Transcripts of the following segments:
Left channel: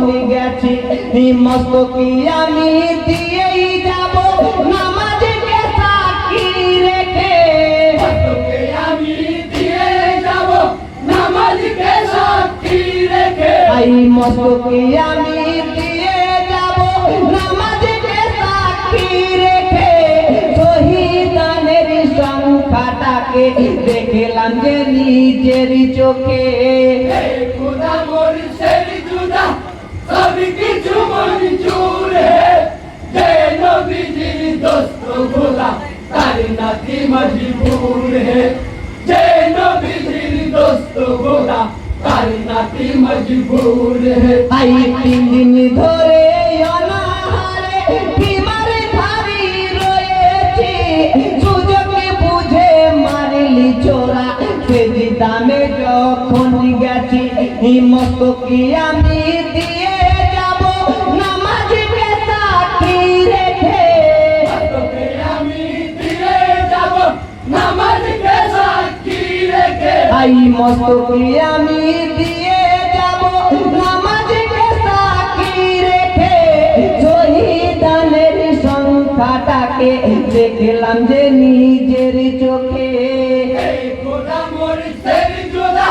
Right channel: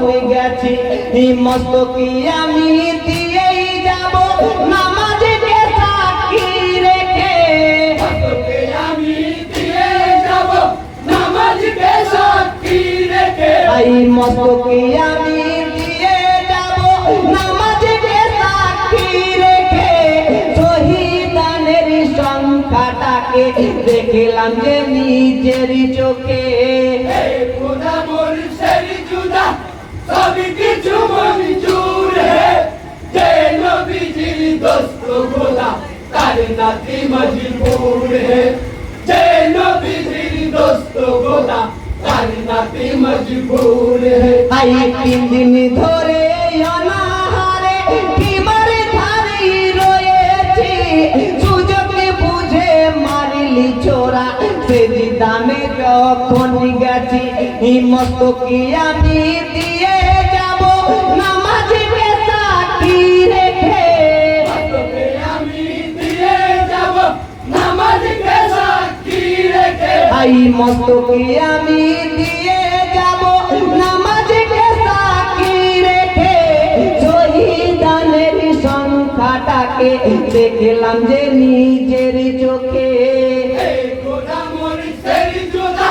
যখন গেছি মস্তকি আমি দিয়েই যাব নামাজকে সাক্ষী রেখে মস্তকে আমি দিয়ে যাব নামাজকে সাক্ষী রেখে এই মস্তকি আমি দিয়ে যাব নামাজকে সাক্ষী রেখে শহীদানের সংখ্যাটাকে দেখলাম যে নিজের চোখে खुदा मुर्शिद जुदा सब কিছু মঞ্জুর है যে নবীজির দোস্ত খোদা তার নাতি মজবুর है যে নবীজির দোস্ত খোদা তার নাতি মজবুর है আই 3 দিন ধরে অনাহারে বিমার ধারি রয়েছি সুযোগে বুঝে মারলি চোরা সেজদামে যখন গেছি মস্তকি আমি দিয়ে যাব নামাজকে সাক্ষী রেখে মস্তকে আমি দিয়ে যাব নামাজকে সাক্ষী রেখে আই মস্তকি আমি দিয়ে যাব নামাজকে সাক্ষী রেখে শহীদানের সংখ্যাটাকে দেখলাম যে নিজের চোখে खुदा मुर्शिद जुदा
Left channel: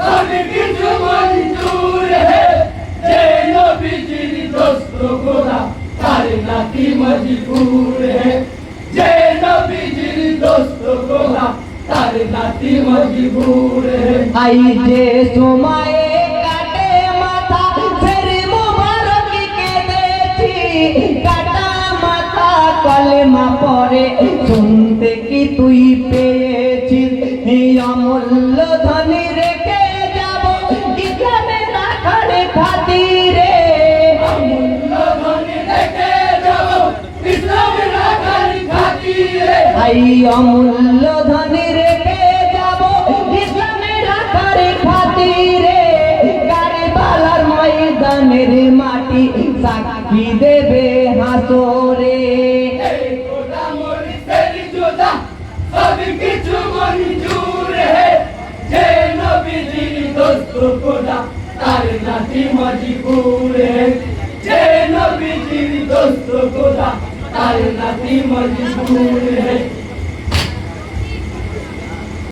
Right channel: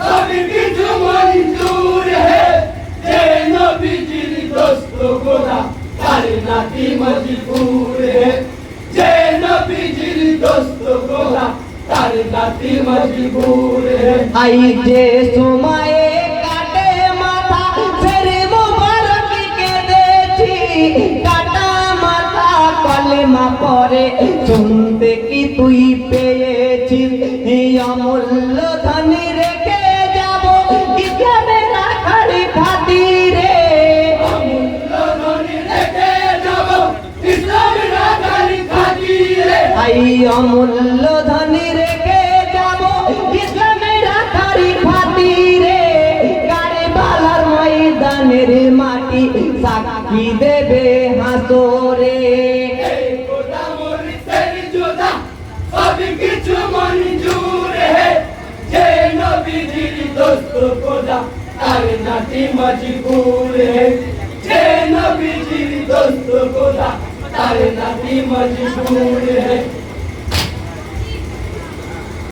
सब কিছু মঞ্জুর है যে নবীজির দোস্ত খোদা তার নাতি মজবুর है যে নবীজির দোস্ত খোদা তার নাতি মজবুর है আই যে সময়ে কাটে মাথা ফের মোবারককে দেখি কাটা মাথা কলেমা পড়ে শুনতে কি তুই পেয়েছিস অমূল্য ধন রেখে যাব ইসলামে রাখার খাতিরে অমূল্য ধন রেখে যাব ইসলামে রাখার খাতিরে আই অমূল্য ধন রেখে যাব ইসলামে রাখার খাতিরে কারবালার ময়দানের মাটি সাক্ষী দেবে হাসরে खुदा मुर्शिद जुदा सब কিছু মঞ্জুর है যে নবীজির দোস্ত খোদা তার নাতি মজবুর है যে নবীজির দোস্ত খোদা তার নাতি মজবুর है